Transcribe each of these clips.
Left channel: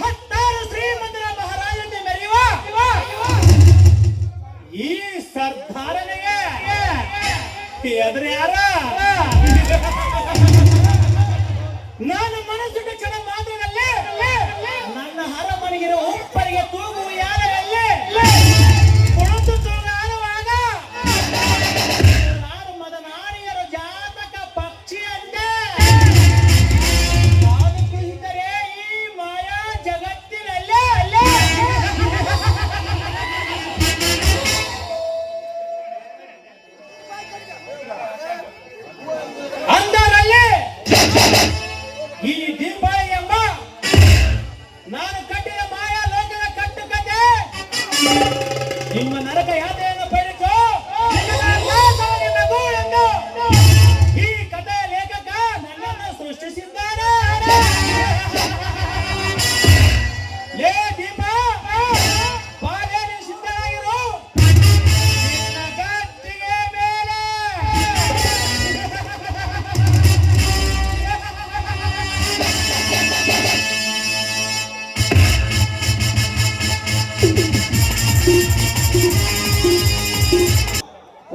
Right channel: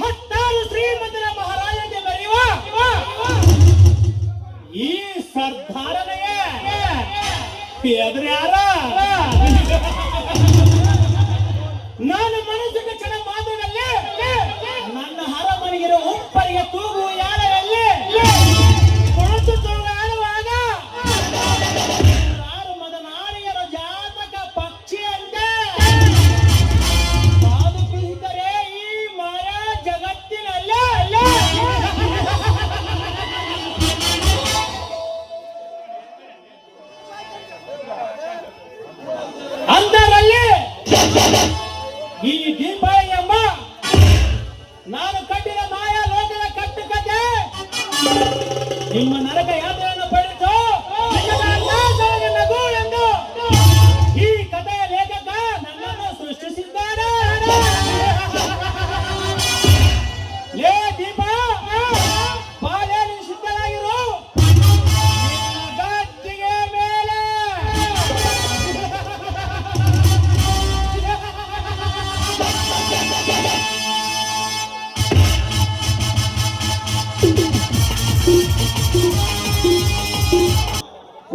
ಹತ್ತಾರು ಶ್ರೀಮಂತರ ಮಹಾರಾಜನಿಗೆ ಮೆರೆಯುವ ಈ ಸರ್ದಾರನಿಗೆ ಎದುರು ಯಾರ? ನಾನು ಮನಸ್ಸಿಗೆ ಕ್ಷಣ ಮಾತ್ರದಲ್ಲಿ ನನ್ನ ಹರಮನೆಗಿರೋ ಉಪ್ಪರಿಗೆ ತೂಗು ಯಾರಲ್ಲಿ ಕುಳಿತು ಆಡುವಾಗ ರಾಮದ ನಾಡಿಯರ ಜಾತಕ ಪಕ್ಷಿಯಂತೆ ಬಾದು ಕುಳಿತರೆ ಈ ಮಾಯಾ ಜಗತ್ತಿನಲ್ಲೇ ಅಂದರಲ್ಲಿ ಈ ದೀಪಾವಳಿ ಎಂಬ ನಾನು ಕಟ್ಟಿದ ಮಾಯಾ ಲೋಕದ ಕಟ್ಟುಕತೆ ನಿಮ್ಮ ನರಕ ಯಾತ್ರೆಯನ್ನು ಪಡೆದು ಎಂದು ಈ ಕಥೆಯ ಲೇಖಕ ನನ್ನನ್ನು ಸೃಷ್ಟಿಸಿದ್ದಾನೆ. ಲೇ ದೀಪ, ಬಾಲ್ಯ ಸಿದ್ಧರಾಗಿರು, ನಿನ್ನ ಗಟ್ಟಿಗೆ ಮೇಲೆ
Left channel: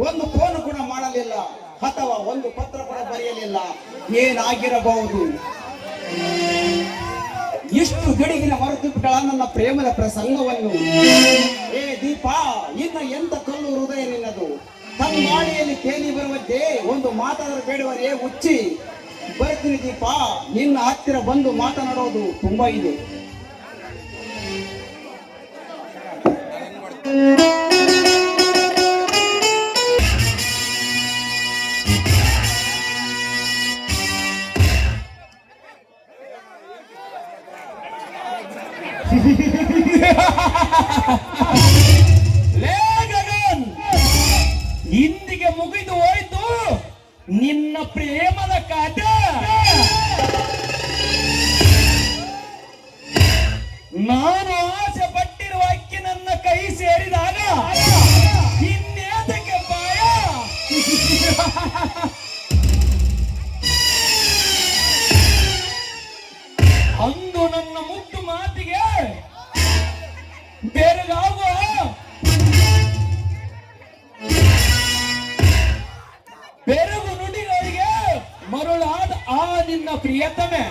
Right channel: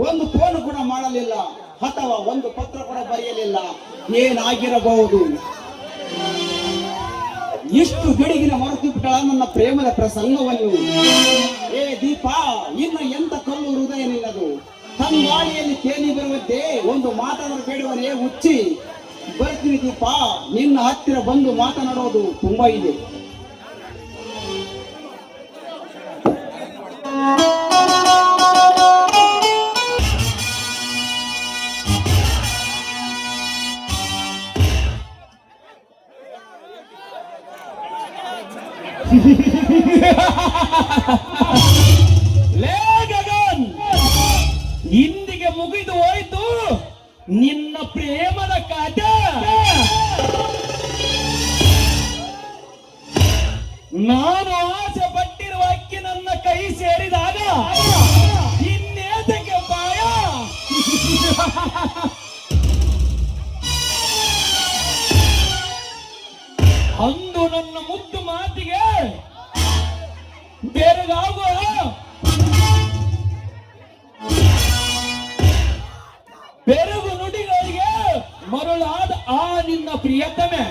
ಒಂದು ಫೋನ್ ಕೂಡ ಮಾಡಲಿಲ್ಲ ಅಥವಾ ಒಂದು ಪತ್ರ ಕೂಡ ಬರೆಯಲಿಲ್ಲ. ಏನಾಗಿರಬಹುದು? ಇಷ್ಟು ಗಡಿಗಿನ ಮರೆತು ಬಿಟ್ಟ ನನ್ನ ಪ್ರೇಮದ ಪ್ರಸಂಗವನ್ನು. ಏ ದೀಪ, ಇನ್ನು ಎಂತ ಕಲ್ಲು ಹೃದಯ ನಿನ್ನದು. ತಂಗಾಳಿಯಲ್ಲಿ ತೇಲಿ ಬರುವಂತೆ ಒಂದು ಮಾತನಾಡಲು ಬೇಡವರೇ ಹುಚ್ಚಿ. ಬರ್ತೀನಿ ದೀಪ, ನಿನ್ನ ಹತ್ತಿರ ಬಂದು ಮಾತನಾಡೋದು ತುಂಬಾ ಇದೆ. ಲೇ ಗಗನ್, ಇಂದಿಗೆ ಮುಗಿದು ಹೋಯ್ತು ನಿನ್ನ ಪ್ರೇಮದ ಕಥೆ. ನಾನು ಆಸೆ ಪಟ್ಟಿರುವ ಅಕ್ಕಿ ನನ್ನ ಕೈ ಸೇರಿದಾಗ ಇನ್ನೇತಕ್ಕೆ ಭಯ? ಅಂದು ನನ್ನ ಮುದ್ದು ಮಾತಿಗೆ ಬೆರಗಾಗುವ ಬೆರಗು ನುಡಿಗಳಿಗೆ ಮರುಳಾದ ಆ ನಿನ್ನ ಪ್ರಿಯತಮೆ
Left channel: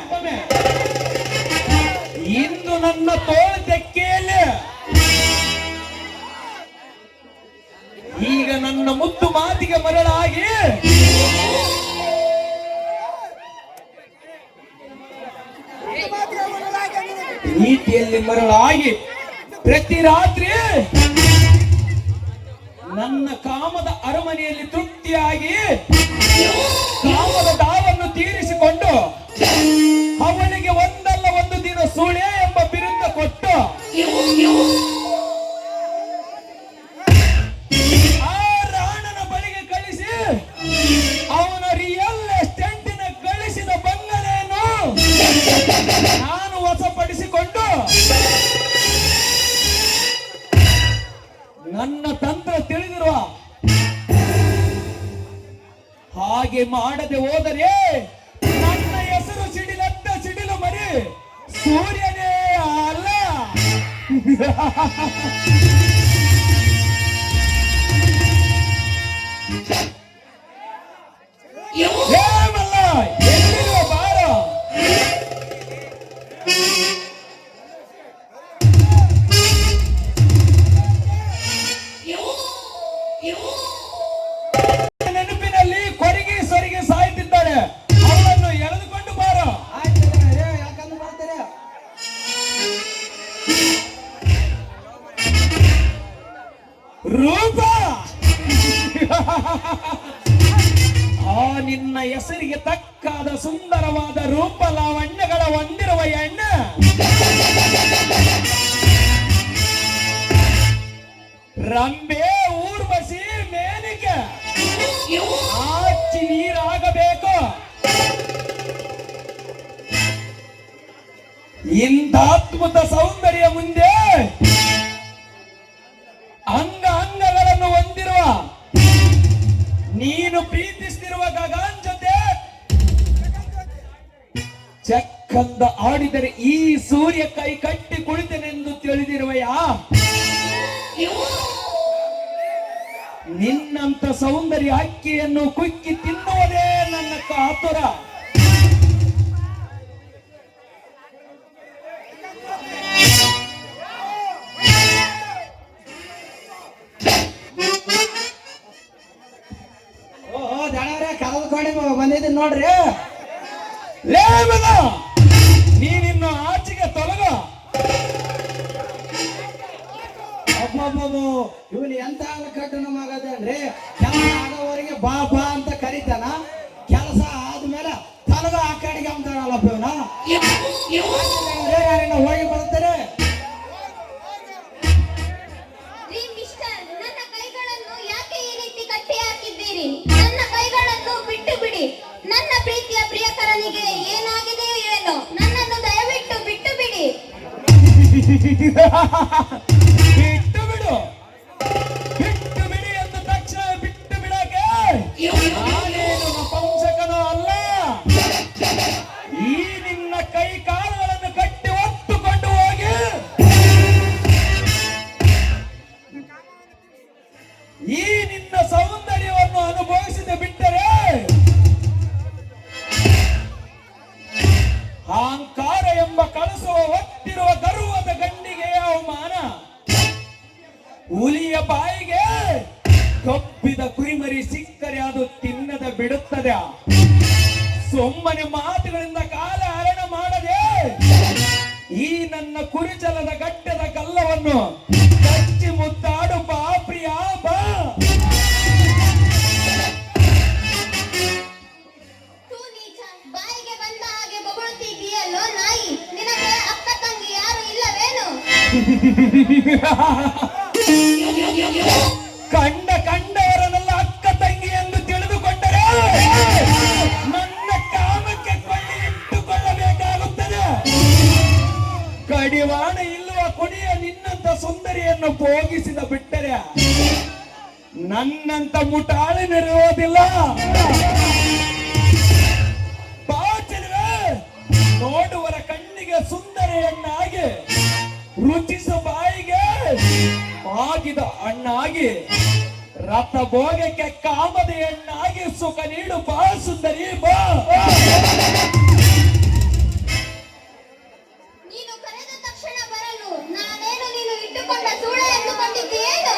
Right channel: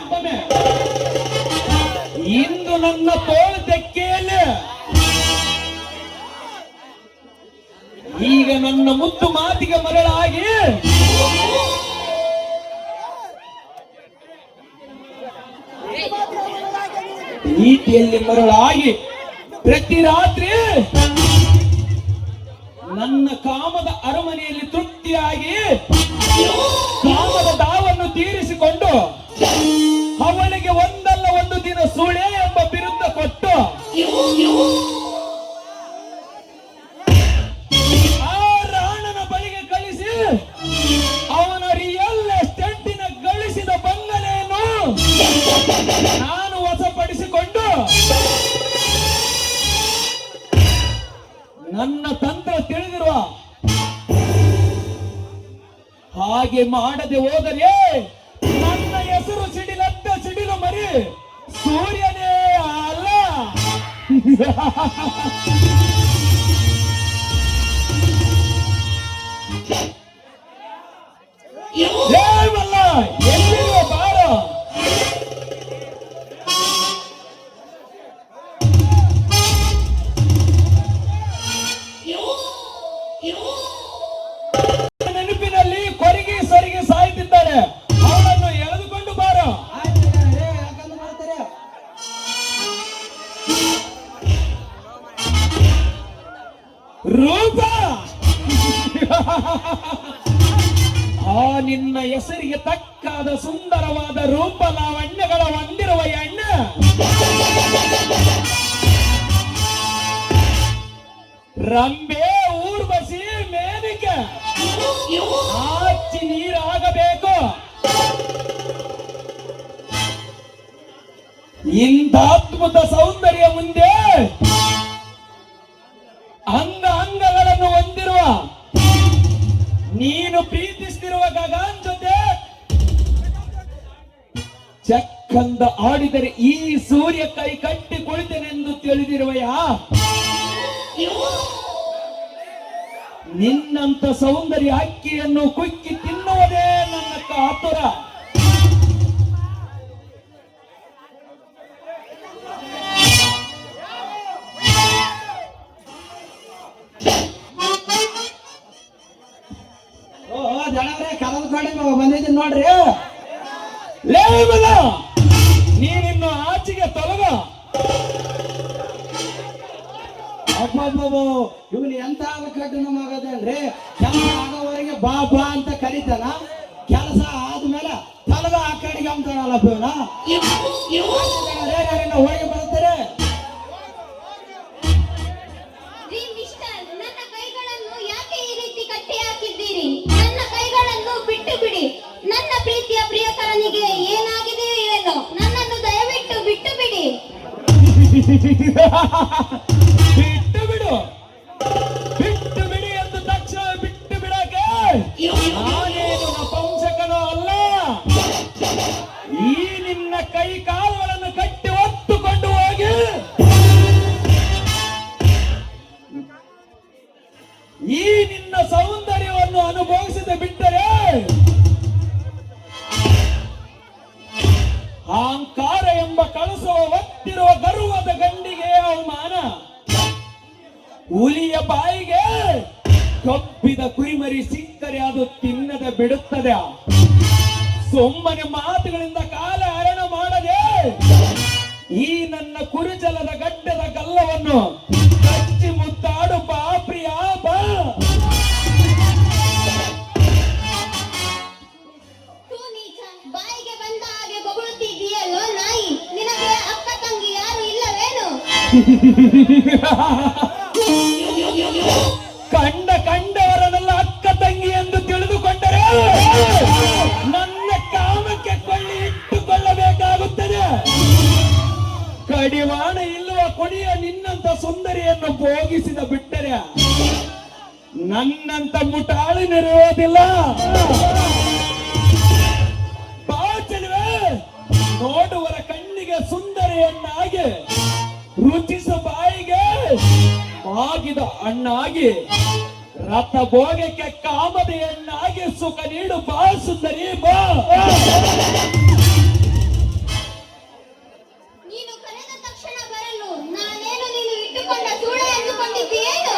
ಇಂದು ನನ್ನ ತೋಳು ತೆಕ್ಕೆಯಲ್ಲಿ ಈಗ ನನ್ನ ಮುದ್ದು ಮಾತಿಗೆ ಮರಳಾಗಿ ರೀತಿಯಲ್ಲಿ ಮರಳಾಗಿ ಪ್ರತಿ ರಾತ್ರಿ ನನ್ನ ಕಾಮದ ಅರಮನೆಯಲ್ಲಿ ತೃಪ್ತಿಯಾಗಿ ಕಾಮದ ದಾವನ್ನು ತೀರಿಸಿಕೊಂಡು ಅವನಿಗೆ ಒಂದಲ್ಲ ಒಂದು ದಿನ ಸುಳೆ ಎಂಬ ಬಿರುದ ಕೊಟ್ಟು ಆ ರಾಣನ ಬಳಿಗೆ ಕಳಿಸಿ ಅವನ ರಿಯಲ್ ಎಸ್ಟೇಟಿನ ಗಳಿಸಿದ ಬಂಗಲೆಯನ್ನು ನಾನು ವಶಪಡಿಸಿಕೊಂಡು ನನ್ನ ತಂತ್ರ ತಿಳಿದಿರುವ ಹಾಗೆ ಮಾಡದೆ ಹೋದರೆ ನನ್ನ ಹೆಸರು ಸಿಡಿಲಂತ ಸಿಡಿಲು ಮರಿ ಸೂರ್ಯನೇ ಅಲ್ಲ. ಎಲ್ಲಿರುವ ಬಾರ ನೆನಪಿನಲ್ಲಿ ಕೊರಿಗೆ ಸರಿಗೆ ಸಾಯ್ತಿದ್ದಾರೆ. ಅವರನ್ನು ಎಳೆದುಕೊಂಡು ಬಾರ. ರೂಪ, ಆ ನಿನ್ನ ಹೆಸರಿಗೆ ತಕ್ಕಾದ ಸುಂದರವಾದ ರೂಪ ಲಾವಣ್ಯಗಳ ಹೊಂದಿರುವ ಹೆಣ್ಣು ರಂಬೆ, ಊರ್ವಶಿ, ಮೇನಿಕೆ ಆಚಿ ನೀರಾಗಬೇಕು. ಇಂಥ ಅದ್ಭುತ ಸೌಂದರ್ಯ ಮುಂದೆ ಅಂಗ ಅಂಗಗಳನ್ನು ಹೊಂದಿರುವ ನೀನು ಪ್ರೀತಿಸ್ತಿರುವ ಗಗನ್ ಜೊತೆ ಚಕ್ಕಂದ ಆಡಿದರೆ ಈ ಸೂರ್ಯ ಕೈ ಕಟ್ಟಿ ಕುಳಿತನೆಂದು ತಿಳಿದಿರುವೆಯಾ? ನಿನ್ನಂತ ಸೌಂದರ್ಯ ಅಕ್ಕಿಯನ್ನು ಕುಕ್ಕಿ ತಿನ್ನುವುದೇ ನನ್ನ ಕಾತುರ. ಓಹೋ ಜನರೇ ಕಳೆದುಕೊಂಡು ಬಂದಿದ್ದೀನಿ ನೋಡ್ರಿ. ಲೇ ಮಗ, ನೀನಿನ್ನು ಆಚೆಗೆ ತೊಲಗ. ಅಬ್ಬಬ್ಬಬ್ಬೋ, ಇವನು ಎಂತ ಕಟ್ಟಣ ಮಗದೇನ್ರಿ? ಕೆಲಸ ಆಗೋವರೆಗೆ ಬಾ ಬಾ ಅಂತ ಕರೀತಾನ, ಕೆಲಸ ಆದ್ಮೇಲೆ ತಲಗ ಆ ಕಡೆಗೆ ಅಂತಾಳಲ್ಲಪ್ಪ ಇವನ. ಹೋಗಿ ಬರ್ತಾರೆ. ರೀ ಮಿಸ್ಟರ್, ನನ್ನ ಕೈಗಳನ್ನು ಯಾಕೆ ಈ ರೀತಿ ಕಟ್ಟಿ ಹಾಕಿದ್ದೀರಿ? ನನ್ನ ಕೈಗಳನ್ನು ಬಿಟ್ಟು ಬಿಡಿ. ನನ್ನ ಪ್ರೀತಿಯ ಪ್ರಿಯಕರನಿಗೆ ಏನಾಗಿದೆಯೋ ಏನೋ, ನನ್ನನ್ನು ದಯವಿಟ್ಟು ಬಿಟ್ಟು ಬಿಡಿ. ಬಿಟ್ಟು ಬಿಡು, ಬಿಟ್ಟು ಬಿಡಿ ಎಂದು ತಕ್ಷಣ ಬಿಟ್ಟು ಬಿಡಕ್ಕೆ ನಾನೇನು ನಪುಂಸಕನೂ ಅಲ್ಲ. ಈ ನಿನ್ನ ಕೈ ಕಾಲುಗಳನ್ನು ಕಟ್ಟಿ ಹೊತ್ತುಕೊಂಡು ಹೋಗಿ ಈ ನಿನ್ನ ಸೌಂದರ್ಯವನ್ನು ಅನುಭವಿಸದೆ ಬಿಟ್ಟರೆ ಅಹಂಕಾರ ಎಂಬ ಕಳಸವ ಹೊತ್ತಿರುವ ಗರ್ವದ ಗಂಡಿಗೆ ಅವಮಾನ. ಹುಲಿಯ ಬಾಯಿಗೆ ಕಬ್ಬಿದ ಕುರಿಮರಿ ಸಿಕ್ಕರೆ ಅದು ತಿನ್ನದ ಬಿಡುತ್ತದೆ. ಸುಮ್ಮನೆ ಮಾತುಗಳಿಂದ ಕಾಲ ಹರಣ ಮಾಡದೆ ಈ ನನ್ನ ಕುರಿಜಲದ ಗಡ್ಡದ ಗಲ್ಲವನ್ನು ಕಚ್ಚಿ ಮುದ್ದಾಡು ಬಾ ಪ್ರಿಯ ಬಾ. ತೂ ನೀಚ, ಬಾಯಿಗೆ ಬಂದ ಹಾಗೆ ಬೊಗಳುತ್ತಿದ್ದೀಯಲ್ಲೋ ನಾಯಿ. ನಿನಗೆ ಅಕ್ಕ ತಂಗಿ ಯಾರು ಇಲ್ಲವೇನು? ಕಂಡವರನ್ನೆಲ್ಲ ಅಕ್ಕ ತಂಗಿ ಎಂದು ತಿಳಿದುಕೊಂಡರೆ ನನ್ನ ಕಾಮಕ್ಕೆ ಕೊಳ್ಳಿ ಇಟ್ಟುಕೊಳ್ಳಬೇಕಾಗುತ್ತದೆ. ಕಡಿವಾಣ ಇಲ್ಲವ ಕೊನೆಯ ನಿನ್ನಂತ ಸುಂದರಿಯನ್ನು ಭೋಗಿಸಿದ ಬಿಟ್ಟರೆ ನನ್ನಂತ ಮುಟಾಳಿನಿರುವುದಿಲ್ಲ. ಬಾಚಲ್ವೇ, ನೋಡುವರ ಕಣ್ಣಿಗೆ ಸುಂದರಿಯನ್ನಾಗಿ ರುಚಿಸ ಬಾಯಿಗೆ ಆಗಿದ ಹಣ್ಣಾಗಿ ರಥ ಭೋಗಕ್ಕೆ ಕಾಮದೆಯನ್ನಾಗಿ ಸುಖ ನೀಡು ಬಾ ಸುಂದರಿ ಬಾ. ನೀನು ಕರೆದ ತಕ್ಷಣ ಬರಲು ನಾನೇನು ನೀನು ಇಟ್ಟುಕೊಂಡ ಸೂಳೆ ಎಂದುಕೊಂಡಿದ್ದೀಯೇನು?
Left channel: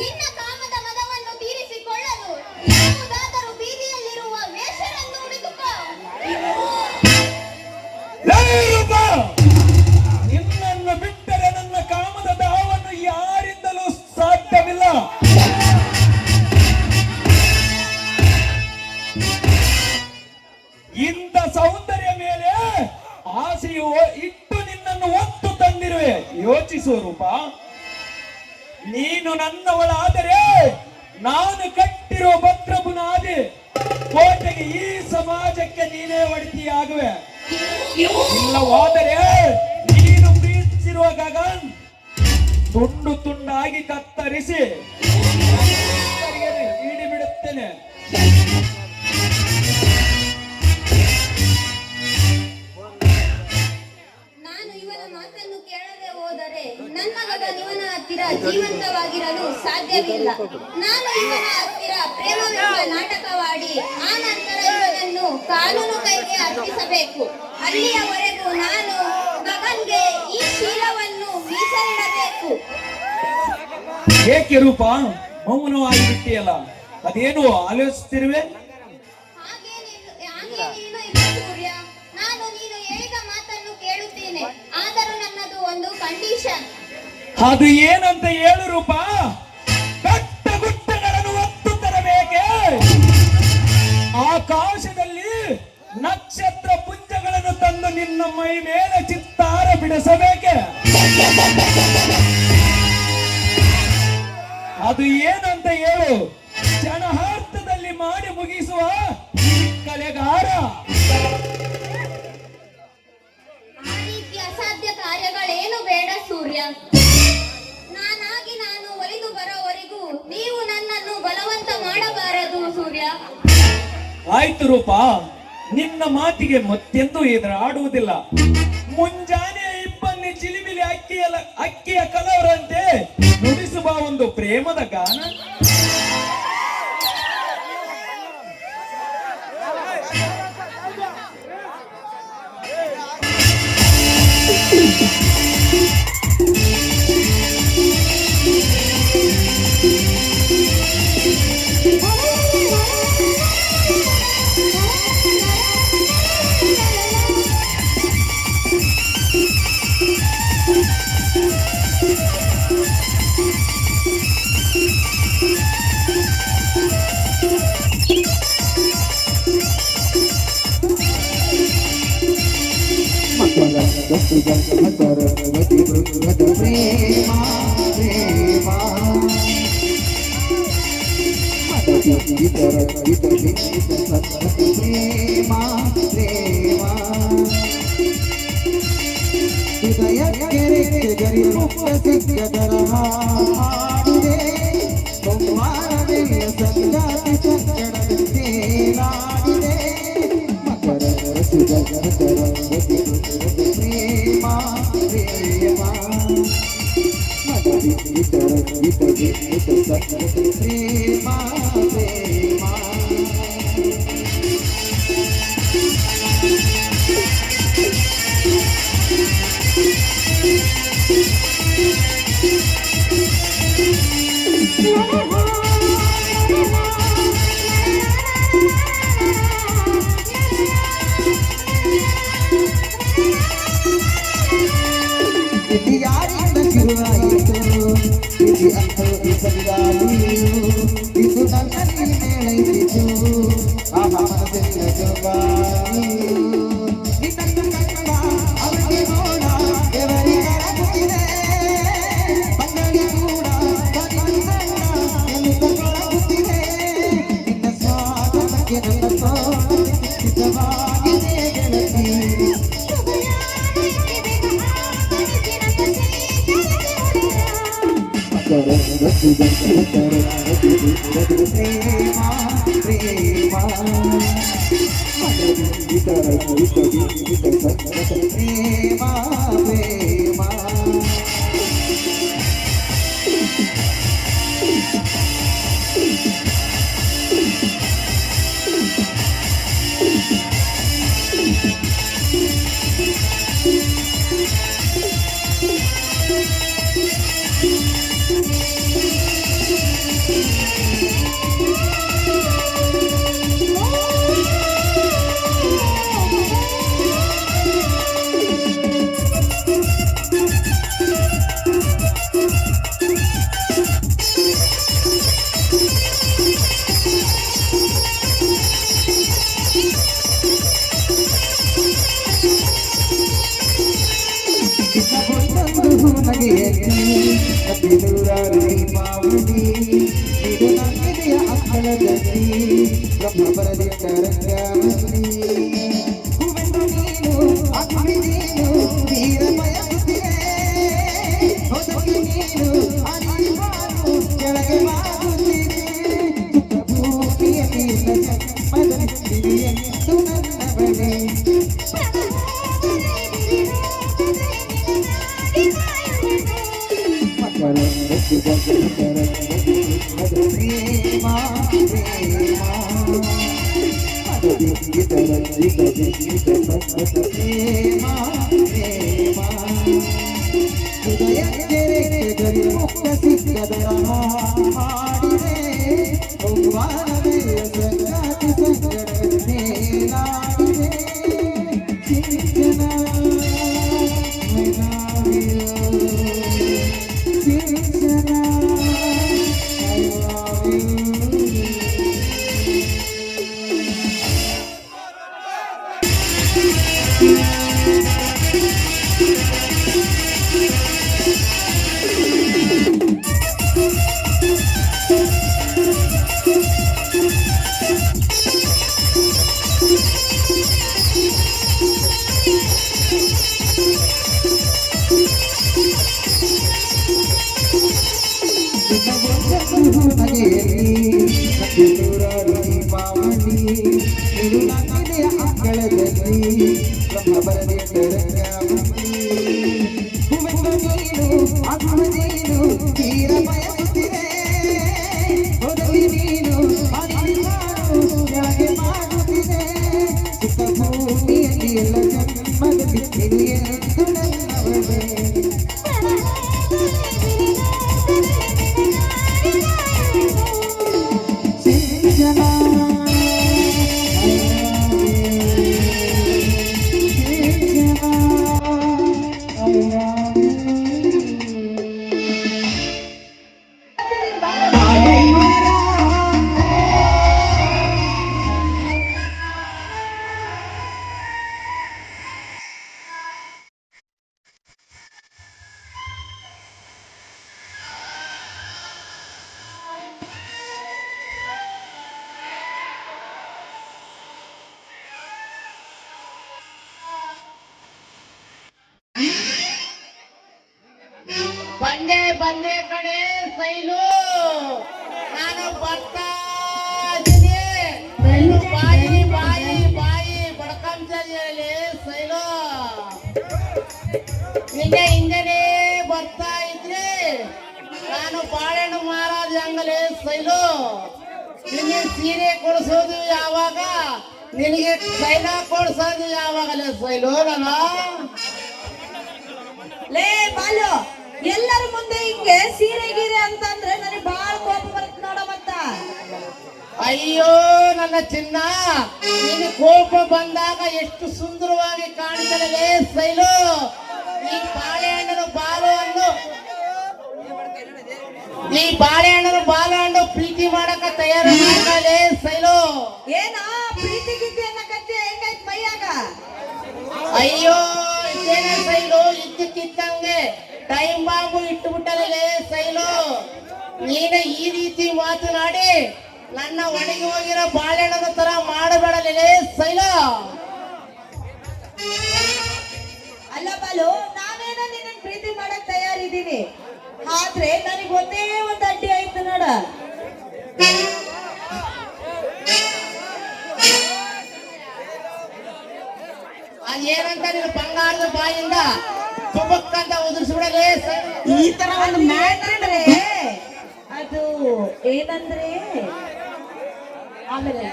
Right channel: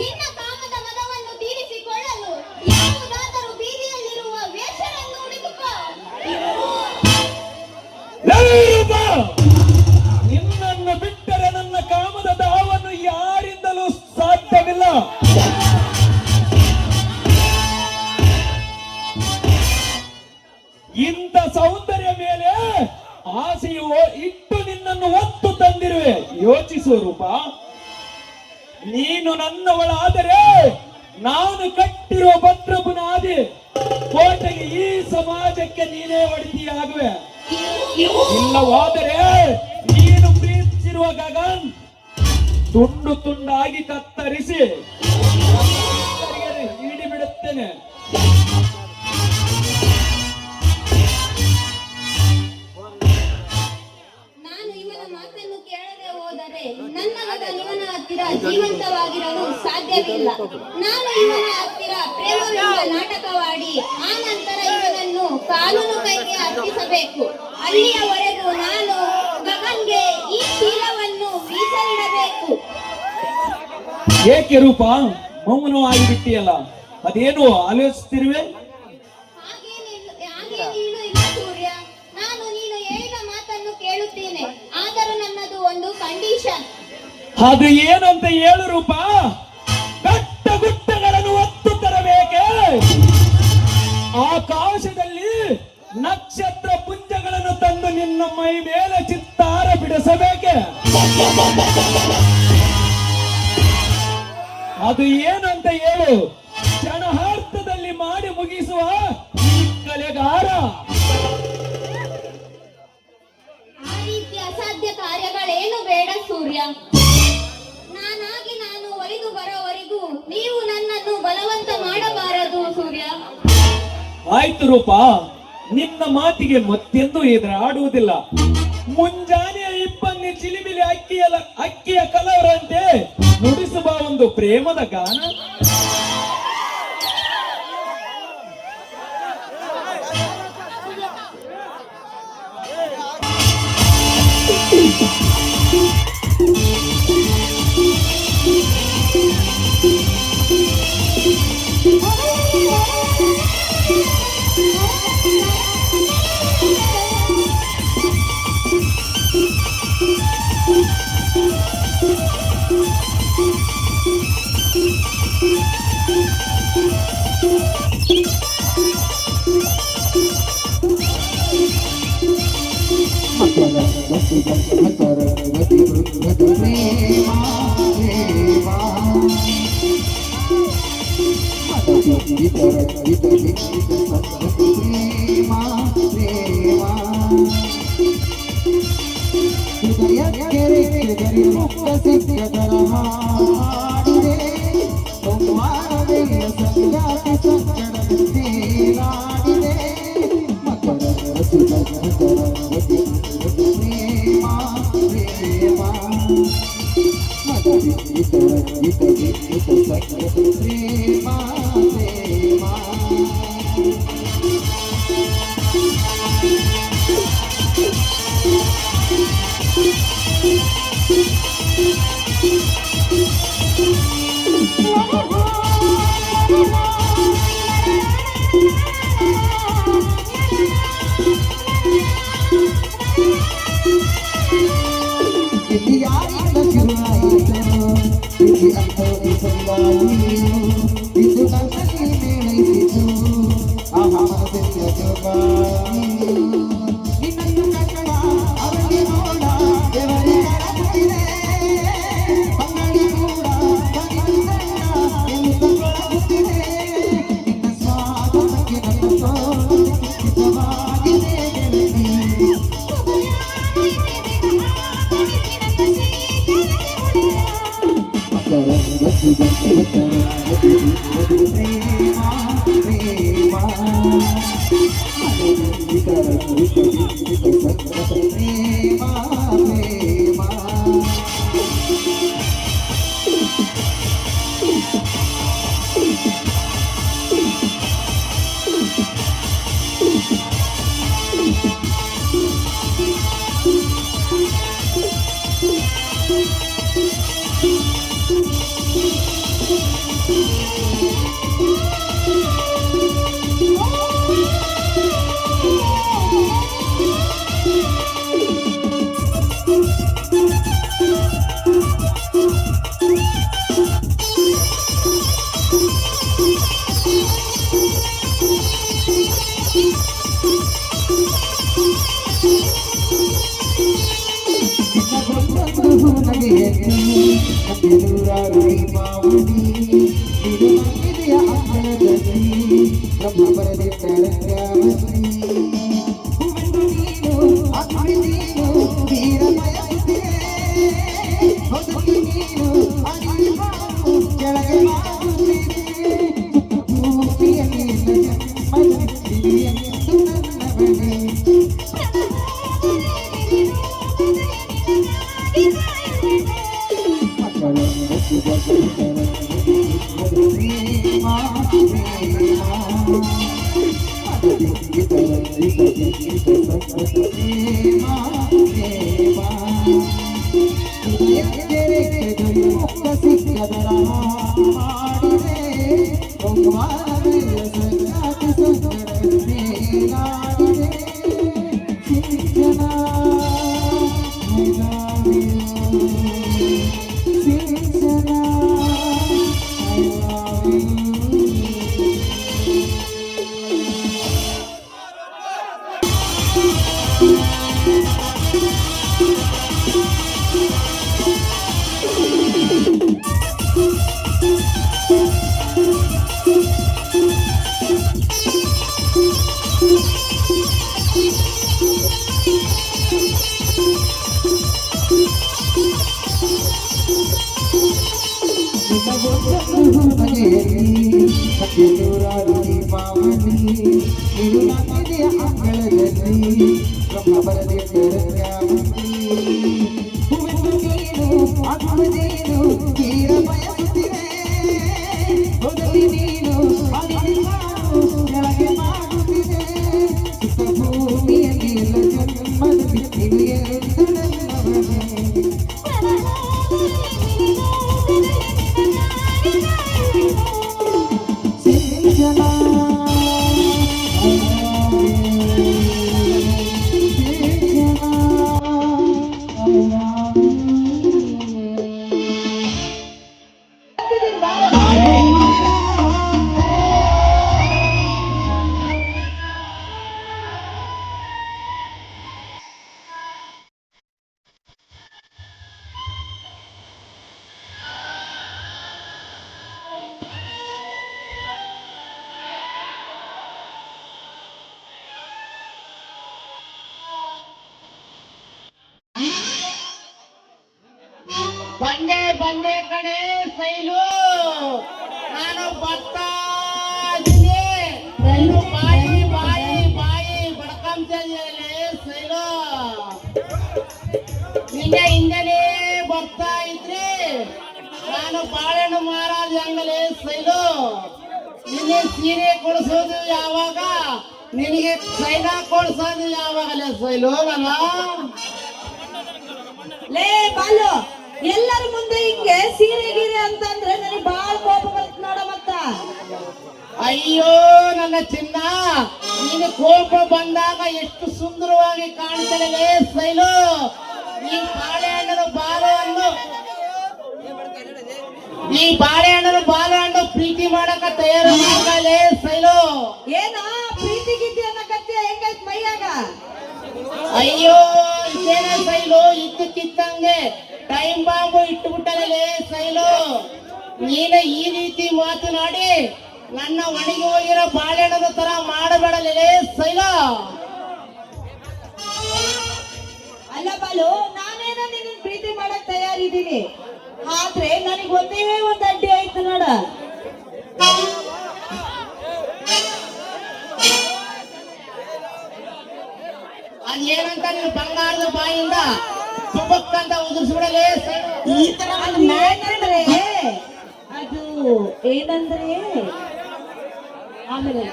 ನಿನ್ನ ಕಾಮದ ಮದವನ್ನು ತೀರಿಸಿಕೊಳ್ಳಲು ಯಾವುದಾದರೂ ಬೀದಿಯಲ್ಲಿರುವ ವೇಷರನ್ನು ಹುಡುಕುಕೋ. ಲೈರೂಪ, ನಿನ್ನನ್ನು ಬಿಟ್ಟರೆ ನನ್ನ ಕಾಮದ ದಾವನ್ನು ಯಾರಿಂದಲೂ ಸಾಧ್ಯವಿಲ್ಲ. ಇಂಥ ಸೌಂದರ್ಯ ಮೇಲೆ ಆಸೆಯು ಇಟ್ಟು ನಿನ್ನನ್ನು ಒತ್ತು ತಂದಿರುವೆ. ಯೋಚಿಸು ರೂಪ, ನೀನು ನನ್ನವಳಾದರೆ ನಾನು ಕಟ್ಟಿರುವ ಭದ್ರಪುನಾದಿ ಕೋಟೆಗೆ ಈ ಸಮಾಜಕ್ಕೆ ನೀನೇ ಒಡತಿಯಾಗುವೆ. ಇಲ್ಲವಾದರೆ ನೀನು ಪ್ರೀತಿಸಿರುವ ಗಗನ್ ತುಂಡು ತುಂಡಾಗಿ ಕತ್ತರಿಸಿ ಹಿಡಿ ಬಿಡುತ್ತೇನೆ. ನಾನು ಇವನ ಮಾತನ್ನು ಕೇಳದೆ ಹೋದರೆ ನನ್ನ ಮಗ ಇವನ ಹತ್ತಿರ ಜೀವಂತವಾಗಿರಲು ಸಾಧ್ಯವಿಲ್ಲ. ನಾನು ಇವನ ಹತ್ತಿರ ಪ್ರೇಮವೆಂಬ ನಾಟಕವಾಡಿ ಆ ನಂತರ ಇವನನ್ನು ಕಾನೂನು ಕೈಗೆ ಅರ್ಪಿಸಬೇಕು. ಅಲ್ಲಿಯವರೆಗೂ ನಾನು ಗಗನ್ಗೆ ಈ ಶೀಲವನ್ನು ಮೀಸಲಿಡಬೇಕು. ಏಕೆ ರೂಪ ಮೌನವಾಗಿ ಬಿಟ್ಟಿಯಲ್ಲ? ಅದೇನು ಆಲೋಚಿಸ್ತಿರುವೆ? ಹಾಗೇನೇನು ಇಲ್ಲ ಸೂರ್ಯ. ನಾನು ನೀನು ಹೇಳಿದ ಮಾತನ್ನು ಕೇಳುತ್ತೇನೆ. ಆದರೂ ನನ್ನದು ಒಂದು ಕಂಡೀಷನ್. ಅದು ಏನಂತ ಹೇಳು ರೂಪ? ಕಟ್ಟ ಗುಟ್ಟಗಳನ್ನು ಒತ್ತು ತರಬೇಕೆ? ಆಕಾಶದಲ್ಲಿ ನಕ್ಷತ್ರ ಪುಂಜಗಳನ್ನು ತಂದು ನಿನ್ನ ಮೈ ಮೇಲೆ ಚಿತ್ತಾರ ಬಿಡಿಸಬೇಕೆ? ಅದು ಏನಂತ ಹೇಳು? ಕ್ಷಣಾರ್ಥದಲ್ಲಿ ಮಾಡಿ ಮುಗಿಸುವ ಈ ಕಲೆಗಾರ. ಆ ರೀತಿ ಅಸಾಧ್ಯ ಕಾರ್ಯಗಳೇನು ಬೇಡ ಸೂರ್ಯ. ನಾನಾಗಿ ನಾನು ಒಲಿದು ಬರೋವರೆಗೂ ನೀವು ನನ್ನನ್ನು ಬಲವಂತ ಮಾಡಬಾರದು. ಕರ್ತವ್ಯ. ಆಯ್ತು ರೂಪ, ನಿನ್ನ ಮಾತಿಗೆ ಮತ್ತೆಂದೂ ಎದುರಾಡುವುದಿಲ್ಲ. ಮುಂಜಾನೆ ಇಬ್ಬನಿ ಚಿಲಿಮಿಲಿ ಅಕ್ಕಿಯ ಕಲವರಂತೆ ನುಡಿಸುವ ಒಂದು ಪ್ರೇಮದ ಗಾನ. ಇದು ಯಾರಿಂದ ಶುರುವಾಯಿತು? ಇದು ಅಂತೋದಿ ಸಂಗಾಯಿ, ಇದು ನನ್ನಲ್ಲಿ ಮೇಳೈಸಿತು. ಆಹಾ ಮನಸ್ಸಿನ ಜೋಗಾಯಿ ನಿನ್ನನ್ನು ಕಂಡ ಅವನಿಗೆ ನೋಡ ಎವರಿಗಾಗುತ್ತಿದೆ. ಅಂಗಡಿ ಕೂಡ ಕಣ್ಣಿನ ಸಣ್ಣ ಎನ್ನುತ್ತೊಳಗುತ್ತಿದೆ. ನಿನ್ನ ಸ್ವಾಗತಕ್ಕೆ ನನ್ನ ತೋಳಕ್ಕೆ ಹಿತವಾಗಿದೆ ಗೆಳತಿ. ನೂರಾರು ದೀಪ ಮನೆಯಲ್ಲಿ ನೀನು ನಾನಿದೆಯ ಅಂಗಳದಲ್ಲಿ ಬ್ರಹ್ಮ ಬರದೆ ಹೂವೆಂದು ನೀನು ಆತ್ಮದೇನು ತೀರ ಬಯಸುತ್ತಿದೆ ಮೊದಲಿ ನೀನು ಆದಿ ನಾನು ಕೆಳಗೆ ಮಾಡುತ್ತಿದೆ ಚಿಕ್ಕ ಭೂಮಿಯಲ್ಲಿ ಎಲ್ಲ ಜನ್ಮದಲ್ಲಿ ನೀನು ಎಂದು ನನ್ನವನೇ ಬಂದೆ ಕಡೆ ಸೈಲು ನಾನು ಬರ್ತಾ ಇದ್ದೀನಿ. ಸೈಲು ಬಾಯಿ ಬಡ್ಕಂತಲ್ಲಿ ಸೈಲು ನಿನ್ನೆ ಹಿಂದೆನೇ ಬರ್ತಾ ಇದ್ರೆ ನಾನು ಬಾಳೆಹಣ್ಣು ಮಾರಾದ ಹೆಂಗಲೇ ಸೈಲು ನಿನ್ನೆ ಸೀರೆ ಕೊಡಿಸೋದು ಯಾವಾಗ ನಿನಗೆ ಸೈಲ ಕೊಡಿಸೋದು ಯಾವಾಗಲೇ ಸೈಲು ಲೇ ಬಾಲು ಎಲ್ಲರ ಮುಂದೆ ಹಿಂಗೆ ಸೀರೆ ಗೀರೆ ಅಂತಂದ್ರೆ ನನಗೆ ಬಹಳ ಕೋಪ ಬರುತ್ತೆ ನೋಡ ಮತ್ತ. ಅಯ್ಯೋ ನನ್ನ ಚಿನ್ನ ನಿನ್ನ ಕೋಪ ಬಂದಾಗ ಎಷ್ಟು ಸುಂದರವಾಗಿ ಕಾಣ್ತದೆ ಸೈಲು. ಈ ಬಾಳೆಹಣ್ಣನ ಬಾಲು ಹಣ್ಣು ಪ್ರೀತಿ ಮಾಡಕ ತಯಾರು ಮಾಡಲೇ ಸೈಲು. ಏನ ಪ್ರೀತಿ ಗಿದ್ದಿ ಅನ್ನಕತ್ತೆ ಹೆಂಗೈತ್ ಮೈಯಾಗ? ಅಯ್ಯೋ ಇದೇನ ಸೈಲು ಇದ್ದಕ್ಕಿದ್ದಂಗೆ ಟೈಮ್ ಬಾಂಬು ಇಟ್ಟುಬಿಟ್ಟಲೇ ಸೈಲು. ನೀನು ಈ ರೀತಿ ಮಾತನಾಡಿ ನನ್ನ ಒಣಗಿ ಹೋಗಿರೋ ಬಾಳೆಹಣ್ಣನ ತರ ಮಾಡಬೇಡಲೇ ಸೈಲು. ಅಲ್ಲ ಬಾಲು, ನಾನೇನೋ ನಿನ್ನ ಪ್ರೀತಿ ಮಾಡಕ್ ತಯಾರಿದ್ದೀನಿ, ಆದ್ರೆ ನನಗೆ ಒಂದೇ ಒಂದು ಅಡ್ಡಿ ಆಯ್ತು ನೋಡ. ಅದೇನಂತ ನೀನು ಬಂಗಾರದ ಬಾಯಿಂದ ತುಪ್ಪಕ್ಕಂತ ಉದುರಿಸ್ಬಿಡಲೇ ಸೈಲು. ಈ ತರ ಒಂದು ಏನಂದ್ರೆ ಅದು ಏನಂದ್ರೆ ಆಮೇಲೆ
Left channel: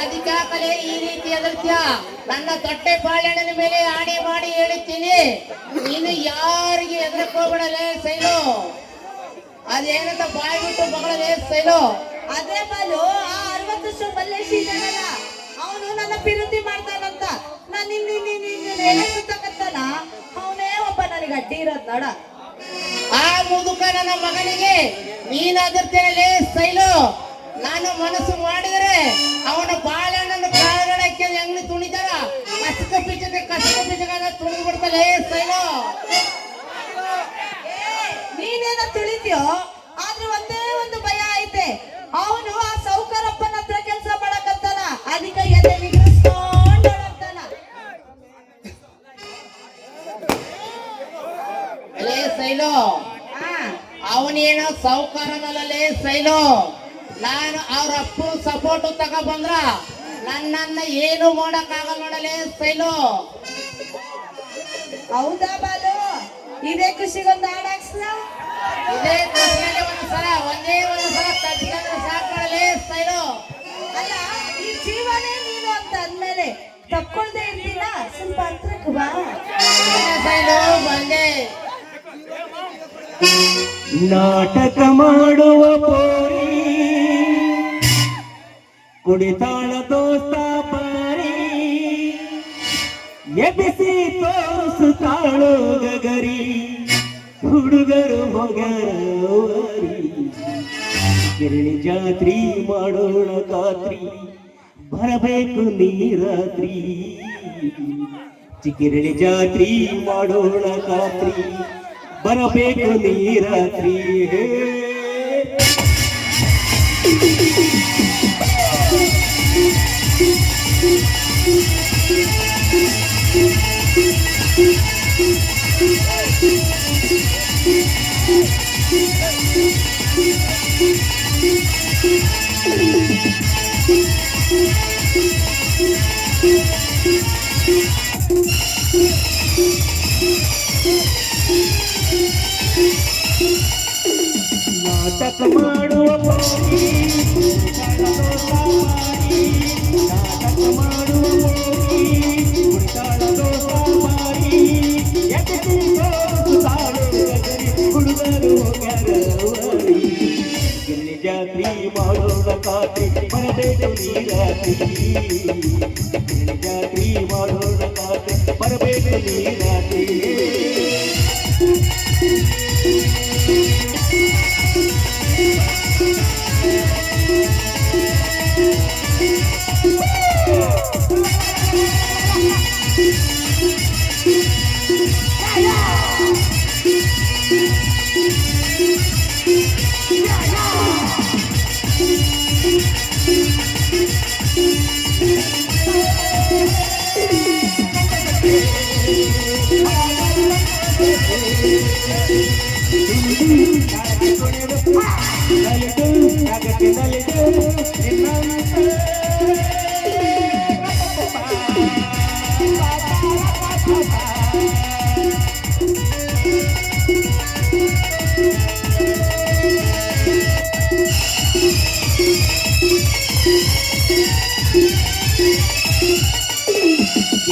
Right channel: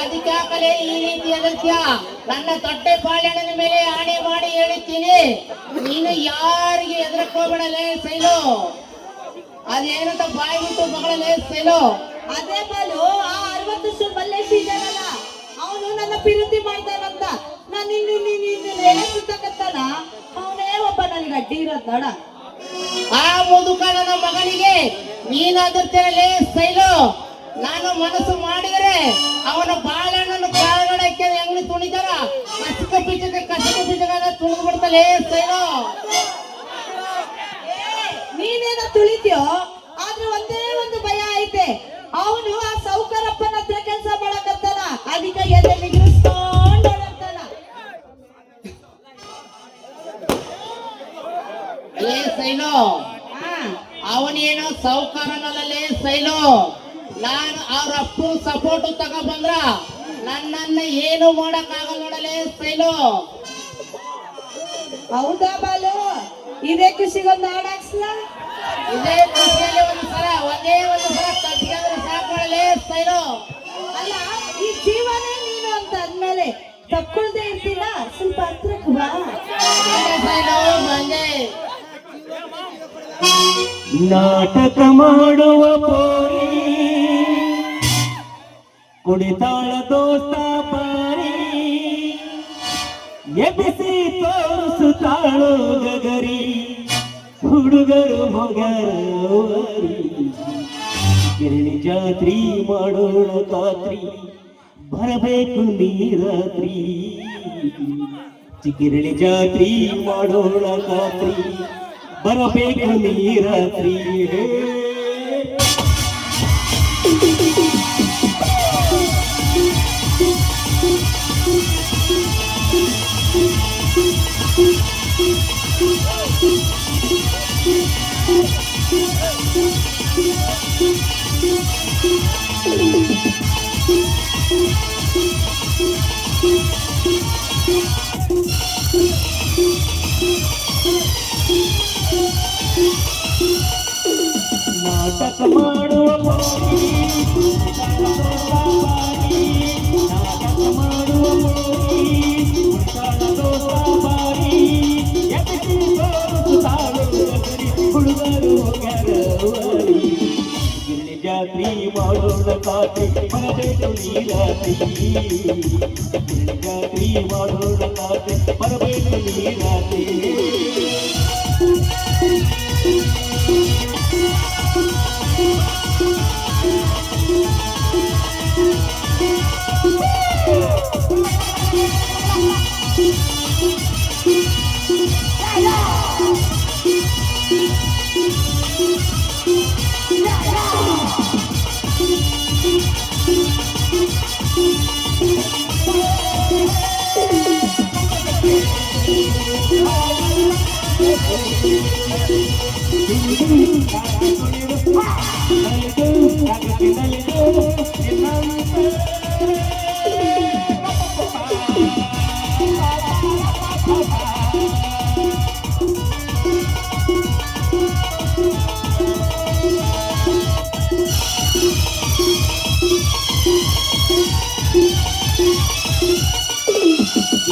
ಅದಕ್ಕಾಗಲೇ ಈ ರೀತಿ ಅಗತ್ಯ. ನನ್ನ ತೊಟ್ಟೆ ಬಾಳೆಹಣ್ಣಿನ ಮೇಲೆ ಆಣೆ ಮಾಡಿ ಹೇಳುತ್ತೀನಿ, ನೀನು ಯಾರಿಗೆ ಎದುರ್ಕೋಬೇಡಲೇ ಸೈಲು. ಅದೇನಂತ ಬಾಯಿ ಬಿಟ್ಟು ಮಗಳೇ ಸೈಲು. ಅದೇ ಬಾಲು, ಆ 60 ವರ್ಷ ಮಲ್ಲೇಶ್ ಇದ್ದಾನಲ್ಲ, ಅವನು ನನ್ನ ಪ್ರೀತಿ ಮಾಡ್ತಾನಂತ ನಾನು ಸುತ್ತಕತ್ತಾನ, ಅವನೇ ಒಬ್ಬ ನನಗೆ ಅಡ್ಡಿ ಇರೋದ್ ನೋಡ. ಆ ಮುದುಕ ನನ್ನ ಮಗನಿಗೆ ನೀನಾದಿರ್ತೇನೆ ಸೈಲು. ನಾನು ಮನಸ್ಸು ಮಾಡಿದರೆ ಅವನ ಬಾಳೆಹಣ್ಣನ್ನು ಕಾಳಗಡಕ್ಕೆ ಹೆಂಗ್ ತುಣಿದಾರ ಕಸಕ ಪಿಚಕ ತುಳಿದು ಬಿಡ್ತಲೇ ಸೈಲು. ನೀನೇನೋ ತುಳಿತೀಯೋ, ಆದ್ರೆ ಒಂದೇ ಒಂದು ಭಯ ಐತೆ, ಅವನು ಆ ಸೌಕರಪ್ಪನ ಹತ್ರ ಕೆಲಸ ಮಾಡಕತ್ತಾನ, ಅದಕ್ಕೆ ಎದೆ ನಿಗ್ರಹಿಸ್ಕೊಂಡು ಓಡಾಡ್ತಾನ. ಲೇ ಸೈಲು, ಅವನೇನು ಸೌಕಾರನಲ್ಲೇ ಸೈಲು. ನಾನು ಅವ್ರ ಅಪ್ಪನ ಸಪೋರ್ಟ್ ತಗೊಂಡ್ಬಂದ್ರ ನನ್ನನ್ನ ಏನು ಮಾಡಕ್ಕಾಗಲ್ಲ ನೋಡಲೇ ಸೈಲು. ಹೌದಾ ಬಾಲು, ಇದೇ ಖುಷಿಗೊಂದು ಹಾಡಾಕ್ಸ್ಲಾ? ಇದೇ ಖುಷಿಯಲ್ಲಿ ಒಂದೇ ಒಂದು ಸಲ ತಗ್ಗಿದ್ರೆ ಸಾಕಲೇ ಸೈಲು. ಅಲ್ಲ, ಈ ಜೀವನೇ ನೀನು ಅಂತ ಅಂದ್ಮೇಲೆ ತಕ್ಕೊಳ್ದೆ ಇರ್ತೀನ, ಸ್ವಲ್ಪ ಹತ್ರಕ್ಕೆ ಬಾ. ಸೈಲು ಬಂದೆ. ನಾಟಕ ಮಾಡುವ ಪೋರಿ ಕುಡಿತಾಳ ದೋಸ್ತ ಪಾರಿ ಎಬ್ಬಿಸಿ ತೋರಿಸುತ್ತಾಳೋ ಗಗರಿ ಹುಡುಗರು ಮೊಗರವರಿ ಕಿರಣಿ ಜಾತ್ರಿ ಮಾಡೋಣ ಖಾತ್ರಿ ಬರಬೇಕು ನೀರಾತ್ರಿ ಚಿಕಿರಳಿ ಜಾತ್ರಿ ಮಾಡೋಣ ಖಾತ್ರಿ ಬರಬೇಕು ನೀರಾತ್ರಿ.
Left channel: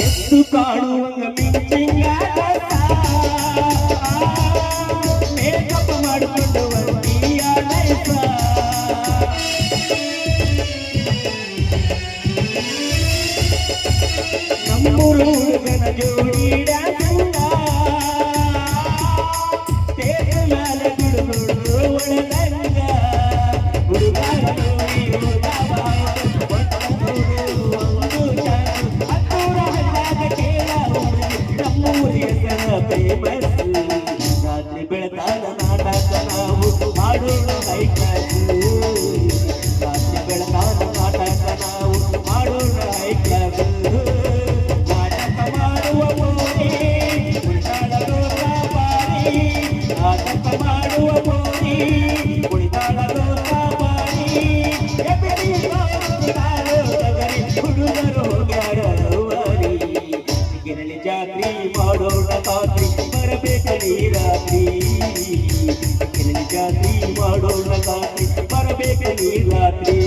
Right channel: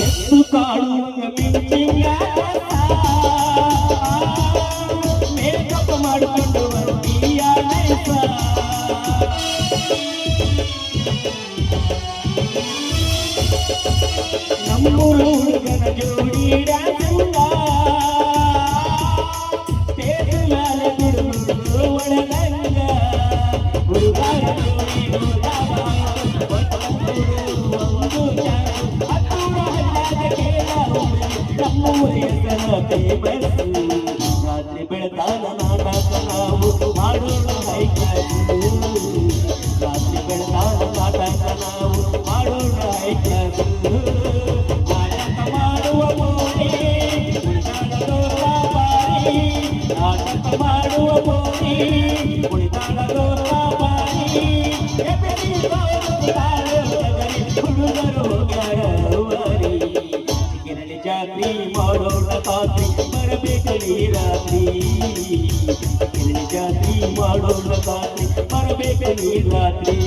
ಎತ್ತು ಕಾಡುವಂಗ ಮಿಂಚಿಂಗ ಮೇಕಪ್ ಮಾಡಿಕೊಂಡು ಬರ್ತೀಯ ನೈಸ. ನಮ್ಮೂರು ಹುಡುಗನ ಜೋಡಿ ಡಾನ್ಸಂಗ ತೇಜಲಾಲ ಗುಡುಗುಡು ಒಳಗಂಗ ಹುಡುಗ ಜೋಡಿ ಹುಡುಗ ರಾತ್ರಿ ಬೆಳತಾನ ನಾಟಕ ನಾವು ಮಾಡೋಣ ಹೈಕ್ಲಾಸು. ರಾತ್ರಿ ಬೆಳತಾನ ನಾಟಕ ನಾವು ಮಾಡೋಣ ಹೈಕ್ಲಾಸು. ನಾಟಕ ಮಾಡುವ ಮೋನಿ ಕುಳಿತಾಳೋ ಬಾರಿ. ನಾಟಕ ಮಾಡುವ ಮೋನಿ ಕುಳಿತಾಳೋ ಬಾರಿ. ಹುಡುಗರು ಹೋಗ್ಯಾಡವರಿ ಗಿರಳಿ ಜಾತ್ರಿ ಮಾಡೋಣ ರಾತ್ರಿ ಬರಬೇಕಲಿ ರಾತ್ರಿ. ಗಿರಳಿ ಜಾತ್ರಿ ಮಾಡೋಣ ರಾತ್ರಿ ಬರಬೇಕಲಿ ರಾತ್ರಿ.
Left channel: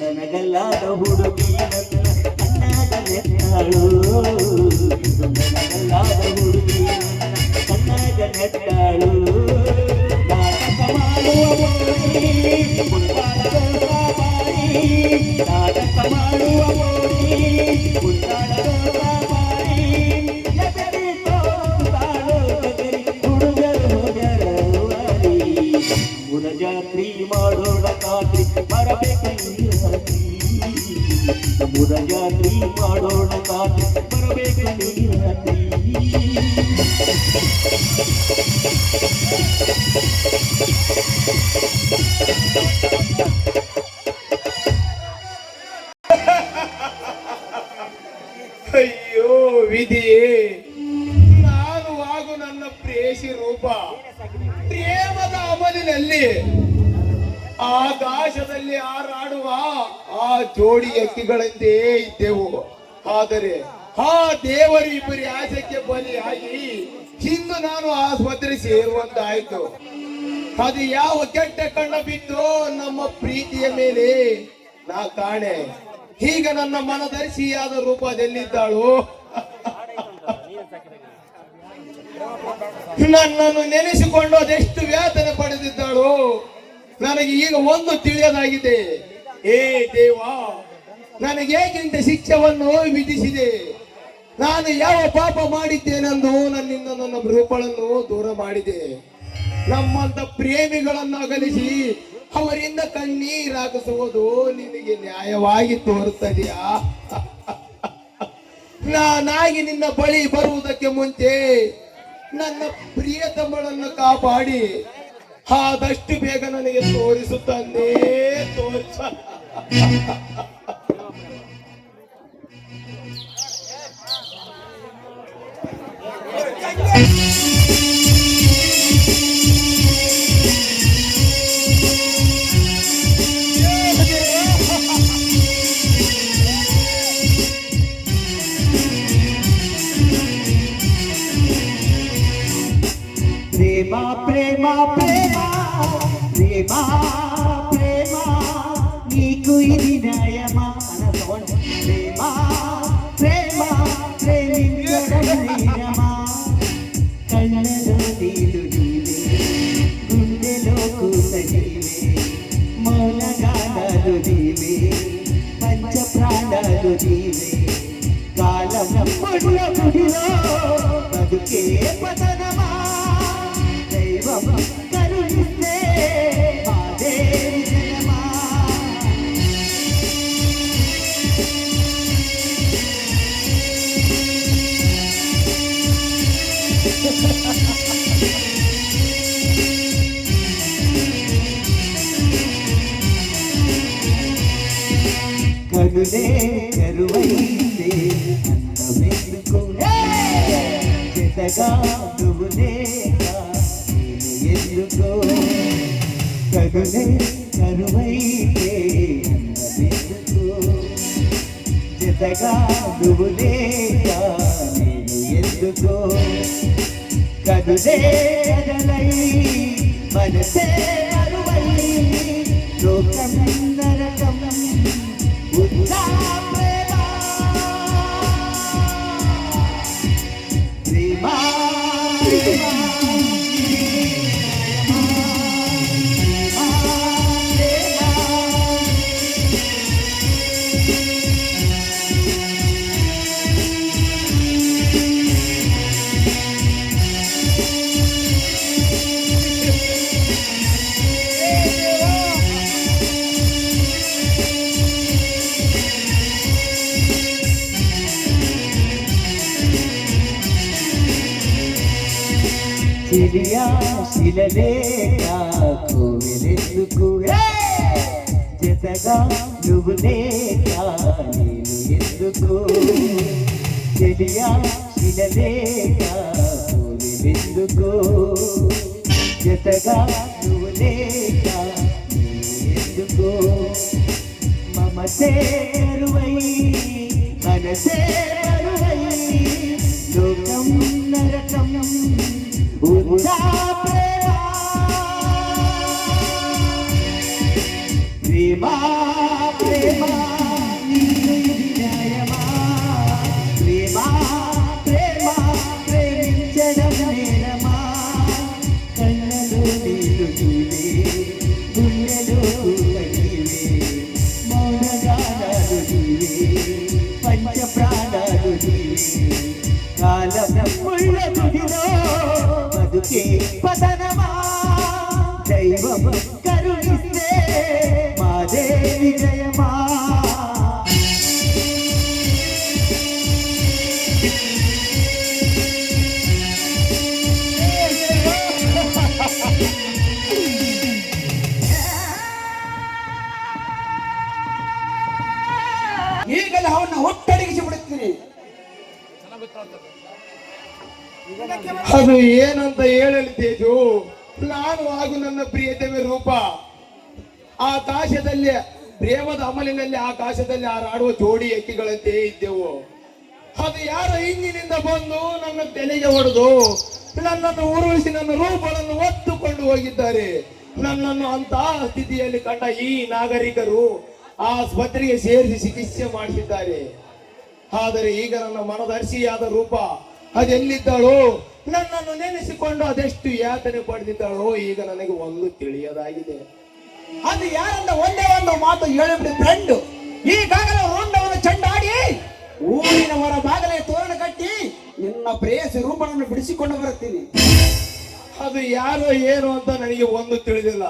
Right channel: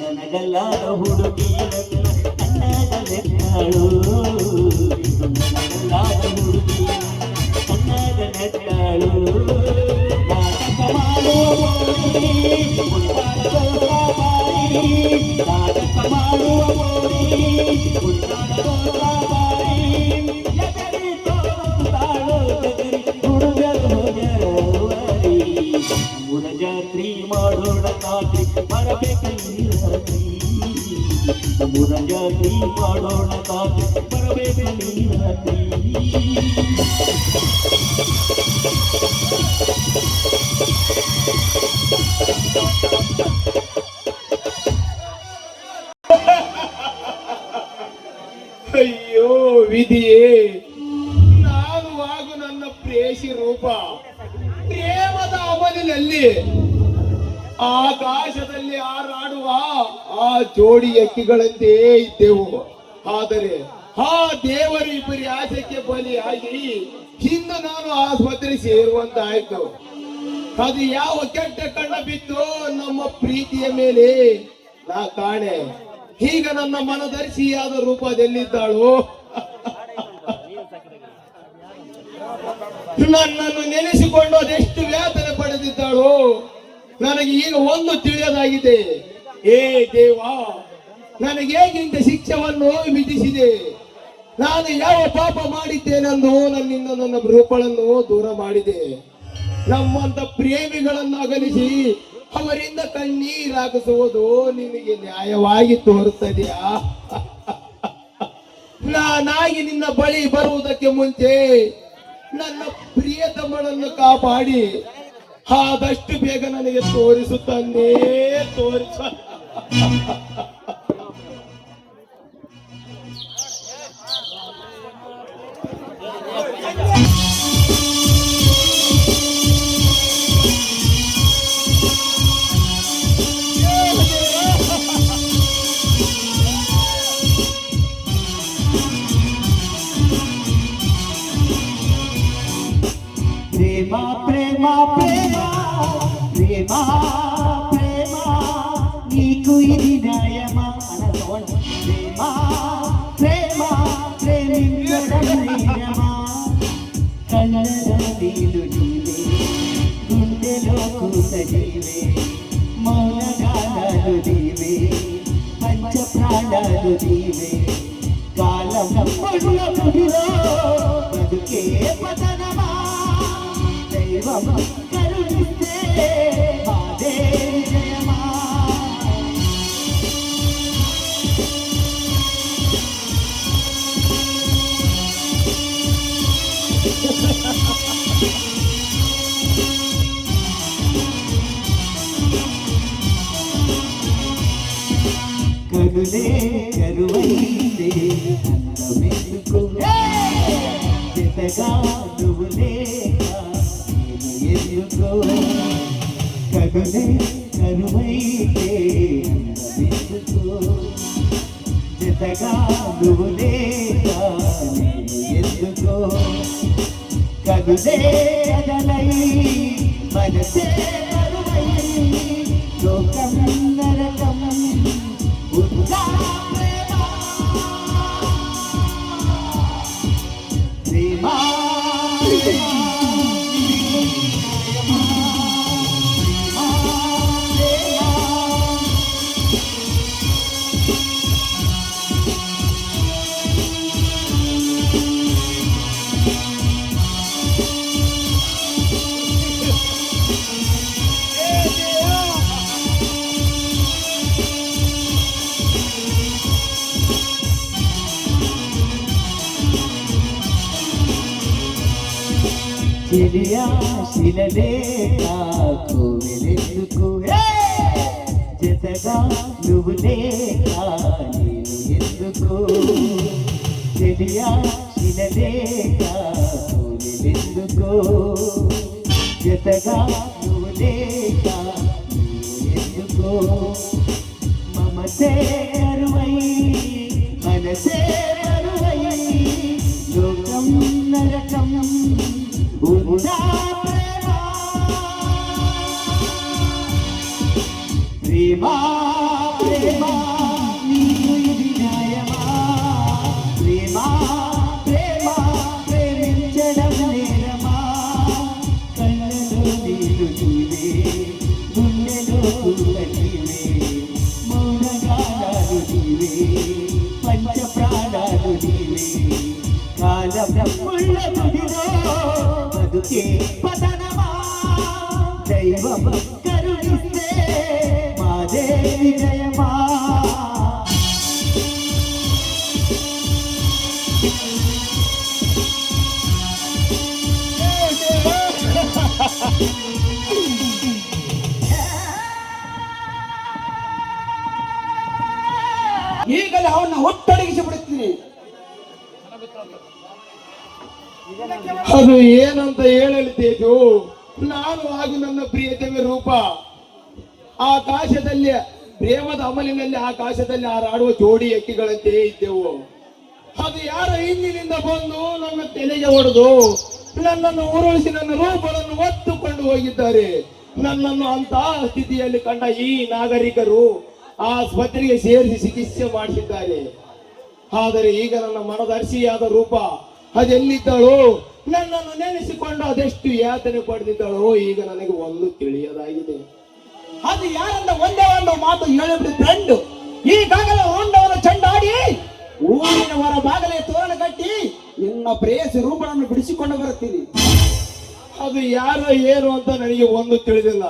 ನನಗಲ್ಲಾದ ಹುಡುಗಿ ಕಣ್ಣಾಗ ನೆಟ್ಟಾಳು. ನನಗಲ್ಲಾದ ಹುಡುಗಿ ಕಣ್ಣಾಗ ನೆಟ್ಟಾಳು. ನಾಟಕ ಮಾಡುವ ನಾಟಕ ಮಾಡುವ ಹುಡುಗರು ಹೋಗರವರಿ. ಮುರಜಾತ್ರಿ ಮಾಡೋಣ ರಾತ್ರಿ ಬರಬೇಕಲಿ ರಾತ್ರಿ. ಮುರಜಾತ್ರಿ ಮಾಡೋಣ ರಾತ್ರಿ ಬರಬೇಕಲಿ ರಾತ್ರಿ. ಅಯ್ಯೋ ವಿಧಿಯೇ, ನಾನು ಹಾಗೂ ನನ್ನ ಪ್ರೇಯಸಿ ರೂಪ ಪ್ರೇಮದ ಅಮಲಿನಲ್ಲಿ ಆಕಾಶದಲ್ಲಿ ಹಾರಾಡುವ ಆ ಜೋಡಿ ಅಕ್ಕಿಗಳಂತೆ ಇದ್ದೆವು. ಆದರೆ ಆ ದೇವರು ಇಬ್ಬರಿ ಆಸೆಗೆ ಬಲಿಯಾಗಿ ಇಂದು ನಾನು ಆಸ್ಪತ್ರೆ ಸೇರುವಂತಾಯ್ತು. ಅದು ಯಾವ ಕೆಟ್ಟ ಕಣ್ಣ ಬಿದ್ದು ನಮ್ಮ ಪ್ರೀತಿಯ ಮೇಲೆ ನಾ ಕಾಣೆ. ಈಗ ನನ್ನ ಮನದರ್ಶಿಯಾದ ರೂಪದಲ್ಲಿದ್ದಾಳು. ನನ್ನನ್ನು ನೆನೆಸಿಕೊಂಡು ಅದೆಷ್ಟು ವ್ಯಾತನ ಪಡೆದಿದ್ದಾಳು. ನನಗೆ ಈಗ ಒಂದು ತಿಳಿಯದಾಗಿದೆ. ಏ ದೇವ, ನನಗೇಗಿಂತ ಶಿಕ್ಷೆಯನ್ನು ವಿಧಿಸಿದೆ. ನಾನು ಯಾವ ಪಾಪ ಮಾಡಿದ್ದೇನೆಂದು ನನ್ನಿಂದ ನನ್ನ ರೂಪಗಳನ್ನು ದೂರ ಮಾಡಿದೆ. ನಮ್ಮಂತ ಪ್ರೇಮಿಗಳನ್ನು ಅಗಲಿಸಿ ಅವರಿಂದ ಕಣ್ಣೀರಾಗಿಸುವುದು ನಿನಗೆ ನ್ಯಾಯವಾಗಿ ತೋರುತ್ತದೆಯಾ? ನಾನಾಗಿ ನಿನ್ನ ಬಳಿ ಬರುವುದಕ್ಕೆ ಮುಂಚೆ ನನ್ನ ಪ್ರಿಯತಮಳನ್ನು ಕಾಪಾಡಿ ಆದಷ್ಟು ಬೇಗ ನನಗೆ ತೋರಿಸು ತಂದೆ, ತೋರಿಸ. ಪ್ರೇಮ ಪ್ರೇಮ ಪ್ರೇಮ ಪ್ರೇಮ ಪ್ರೇಮ ನೀಕು ఇది న్యాయమా ప్రేమ ప్రేమ ప్రేమించడమేనమా కళ్ళలో నీళ్ళు నీవే గుండెలో కూత నీవే మౌనగానాలు నీవే పంచ ప్రాణాలు నీవే కాలం ముడిలో బతుకే పతనమా దైవం కరుణిస్తే మాదేవి జయమా. కరుణే కరువైతే అందమెందుకు జతగా నువ్వు లేక నేను ఎందుకో. కరుణే కరువైతే అందమెందుకు జతగా నువ్వు లేక నేను ఎందుకో. కరుణే కదలై మనసే కరువై లోకం నరకం ఉన్నా ప్రేమ ప్రేమ ప్రేమ శిలియా శిలలేక కోవెలెందుకు జతగా నువ్వు లేక నేను ఎందుకు. శిలియా శిలలేక కోవెలెందుకు జతగా నువ్వు లేక నేను ఎందుకు. మమతే కరువై మనసే కరువై లోకం నరకం ఉన్నా ప్రేమ ప్రేమ నీకు ఇది న్యాయమా. ప్రేమ ప్రేమ ప్రేమించడం నేరమా. కళ్ళలో నీళ్ళు నీవే గుండెలో నీవే మౌనగానాలు నీవే పంచ ప్రాణాలు నీవే కాలముళ్ళ తుడిలో బతుకే పతనమా. దైవం కరుణిస్తే మాదేవి జయమా. ಈಗಲೇ ಅವನ್ನ ಒಟ್ಟಡಗಿಸಿ ಬಿಡುತ್ತೀನಿ. ಅದು ಏನಂತ ಹೇಳಲಿ ತೇಜು. ನಾನು ಹಾಗೂ ನನ್ನ ಪ್ರಿಯತಮೆ ರೂಪ ಆಕಾಶದಲ್ಲಿ ಪ್ರೇಮದ ಅಮಲಿನಲ್ಲಿ ಆಕಾಶದಲ್ಲಿ ಹಾರಾಡುವ ಜೋಡಿ ಎಕ್ಕಿಗಳಂತೆ ಇದ್ದೆವು. ಅದು ಯಾರ ಹಿಂದಿನಿಂದ ಬಂದು ನಮ್ಮ ತಲೆಗೆ ಹೊಡೆದು ನನ್ನನ್ನು ಉರುಳಿಸಿ ನನ್ನ ರೂಪವನ್ನು ಒತ್ತುಕೊಂಡು ಹೋಗಿದ್ದಾರೆ. ನನ್ನನ್ನು ಅಂತಹ ಸ್ಥಿತಿಯಲ್ಲಿ ಕಂಡ ಈ ನಾಗರಿಕರು ಆಸ್ಪತ್ರೆಗೆ ಸೇರಿಸಿ ಚಿಕಿತ್ಸೆ ಮಾಡಿಸಿದ್ದಾರೆ. ಆದರೆ ಈಗ ನನ್ನ ಮನದರ್ಶಿಯಾದ ರೂಪ ಅದೆಲ್ಲಿದ್ದಾಳೋ, ನನ್ನನ್ನು ನೆನೆಸಿಕೊಂಡು ಅದೆಷ್ಟು ಯಾತನೆ ಪಡೆದಿದ್ದಾಳೋ ಈಗ ನನಗೆ ಒಂದು ತಿಳಿಯದಾಗಿದೆ. ಅದು ಯಾರಂತ ಒಂದೇ ಒಂದು ಮಾತು ಹೇಳಿಬಿಟ್ಟು ಫ್ರೆಂಡ್, ಈಗಾಗಲೇ ಹೊಂಡವನ್ನು ಚೆಂಡಾಡಿ ಊರಿನ ಹೊರ ಬಾಗಲೇ ತೋರಣ ಕಟ್ಟಿ ನಿನ್ನ ಪ್ರೇಯಸಿ ರೂಪವನ್ನು ಬಿಡಿಸಿಕೊಂಡು ಬರುತ್ತೀನಿ. ಅದು ಯಾರೋ ಏನು ಅಂತ ನನಗೆ ಒಂದು ತಿಳಿದಿಲ್ಲ.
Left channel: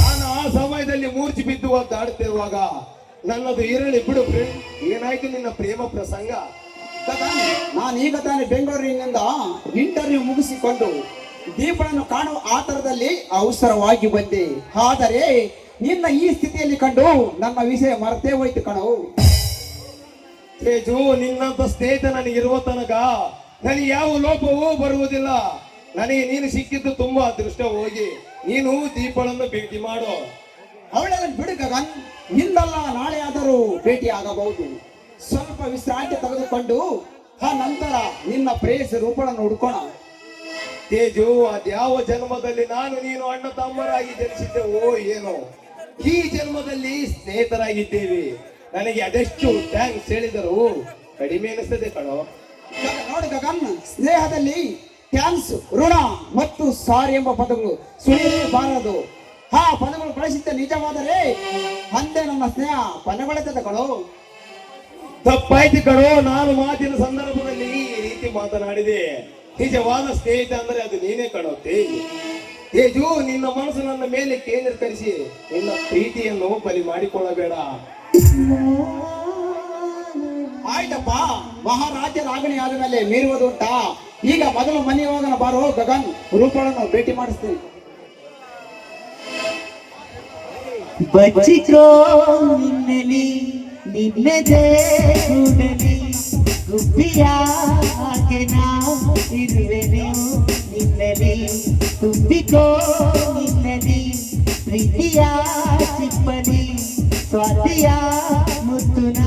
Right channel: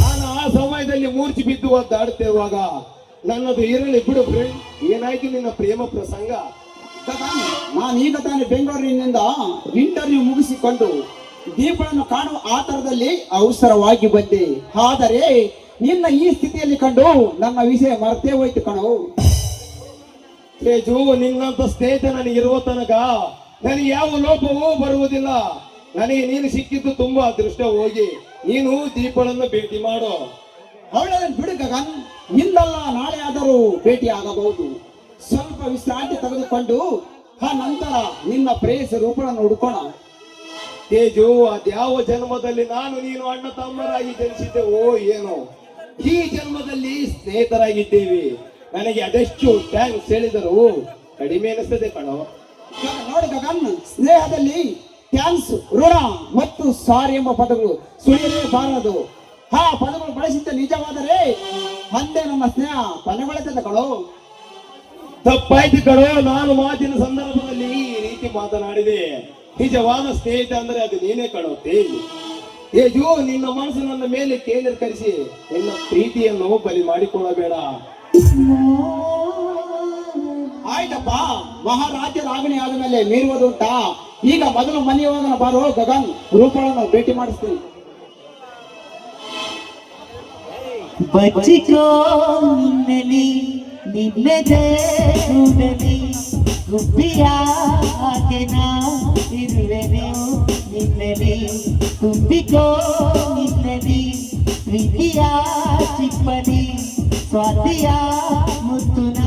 ನಾನು ಆ ಸಮಯದಲ್ಲಿ ಮೂರ್ಛೆ ಬಿದ್ದು ಒದ್ದಾಡುತ್ತಿರುವಾಗ ನನ್ನದು ಇರಲಿ ಬಿಡು ಫ್ರೆಂಡ್. ಏನಾಯ್ತು ನಿನ್ನ ಪ್ರೇಮ ಪ್ರಸಂಗ? ಗಗನ್ ನಾನೀಗ ತಾನೇ ಬೆಂಗಳೂರಿನಿಂದ ಇಂಟರ್ವ್ಯೂ ಮುಗಿಸಿಕೊಂಡು ದೀಪಳನ್ನು ಕಾಣುವ ಆತರದಲ್ಲಿ ಅವಸರವಾಗಿ ಬಂದೆ. ಆದರೆ ನಿನ್ನ ಈ ಸ್ಥಿತಿಯಲ್ಲಿ ಕಂಡು ನನ್ನ ವಿಷಯ ಮರ್ತೇ ಹೋಯ್ತು ಕಣವು. ತೇಜು, ನಿನ್ನಂತ ಸ್ನೇಹಿತ ನನಗಿರುವ ತನಕ ನನಗೆ ಯಾವ ಲೋಪವೂ ಬರುವುದಿಲ್ಲ. ನನಗೆ ನೀನು ಸಿಕ್ಕಿದ್ದು ತುಂಬಾ ಅದೃಷ್ಟ. ಹೋಗಿ ನೀನು ದೀಪಳನ್ನು ಭೇಟಿ ಮಾಡು. ಅವಳನ್ನು ಬಿಡು ಗಗನ್, ಇಂದಲ್ಲ ನಾಳೆ ಆದರೂ ಭೇಟಿ ಆಗಬಹುದು. ಸ್ವಲ್ಪ ವಿಶ್ರಾಂತಿ ತೆಗೆದುಕೊಂಡು ಆ ನಂತರ ನಿನ್ನ ಪ್ರೇಯಸಿ ರೂಪಗಳನ್ನು ಹುಡುಕೋಣ. ತೇಜು, ಅದ್ಯಾವ ಜನ್ಮದಲ್ಲಿ ನಾನು ನೀನು ಅಣ್ಣ ತಮ್ಮರಾಗಿ ಜನಿಸಿದ್ದೆವೋ ಏನೋ, ಈ ಜನ್ಮದಲ್ಲಿ ಸ್ನೇಹಿತರಾಗಿದ್ದೇವೆ. ನನಗೆ ಅದೆಷ್ಟು ಥ್ಯಾಂಕ್ಸ್ ಹೇಳಿದರು ಕಡಿಮೆ ಅನಿಸ್ತದೆ ಕಣೋ. ನೋಡಿ ಗಗನ್, ಸ್ನೇಹದಲ್ಲಿ ಥ್ಯಾಂಕ್ಸ್, ಋಣ ಮತ್ತು ಸಾರಿ ಎಂಬ ಪದಗಳು ಸುಳಿಯಲೇಬಾರದು. ಆ ಪದಗಳು ಬಳಸಿದ್ದ ನಿಜವಾದರೆ ಮತ್ತೆ ನಮ್ಮ ಸ್ನೇಹ ಕೊನೆಗೊಳ್ಳುತ್ತದೆ ಕಣೋ. ತಪ್ಪಾಯ್ತು ಕಣೋ, ನಾನು ಮಾತಿನ ಸಂದರ್ಭದಲ್ಲಿ ಈ ರೀತಿ ಮಾತನಾಡಿದೆ. ನಿಜವಾದ ಸ್ನೇಹಿತ ಅಂದ್ರೆ ಅದು ನೀನೇ ಕಣೋ ತೇಜು. ತೇಜು, ನಿನ್ನ ಮನಸ್ಸು ನನ್ನ ಮೇಲೆ ಕೇಂದ್ರೀಕರಿಸಿ ನಿನ್ನ ಪ್ರೀತಿಯನ್ನು ಬಲಿ ಮಾಡಿಕೊಳ್ಳಬೇಡ. ಆಯ್ತಪ್ಪ, ಮಹಾರಾಜ್ಯರ ಆಜ್ಞೆ ಆದ ಮೇಲೆ ಮೀರುವುದುಂಟಾ? ಈಗ ಮೊದಲು ಮನೆಯೋಗನ ಬಾರೋ ಗಗನ್, ರೂಪಗಳನ್ನು ಭೇಟಿ ಮಾಡಿಸ್ತೀನಿ. ಬಚ್ಚಿಕೋ ನಿನ್ನೆಲಿ ನಿನ್ನೆದೆ ಕೂಡಲಿ ಗುಬ್ಬಿಯ ಹಾಗೆ ನಾ ಇರುವೆನು ನಿನ್ನೆಲಿ. ತುಂಬಿಕೋ ನಿನ್ನೆಲಿ ಪ್ರೀತಿಯ ಚಿಪ್ಪಲಿ ಸ್ವಾತಿಯ ಮುತ್ತುನ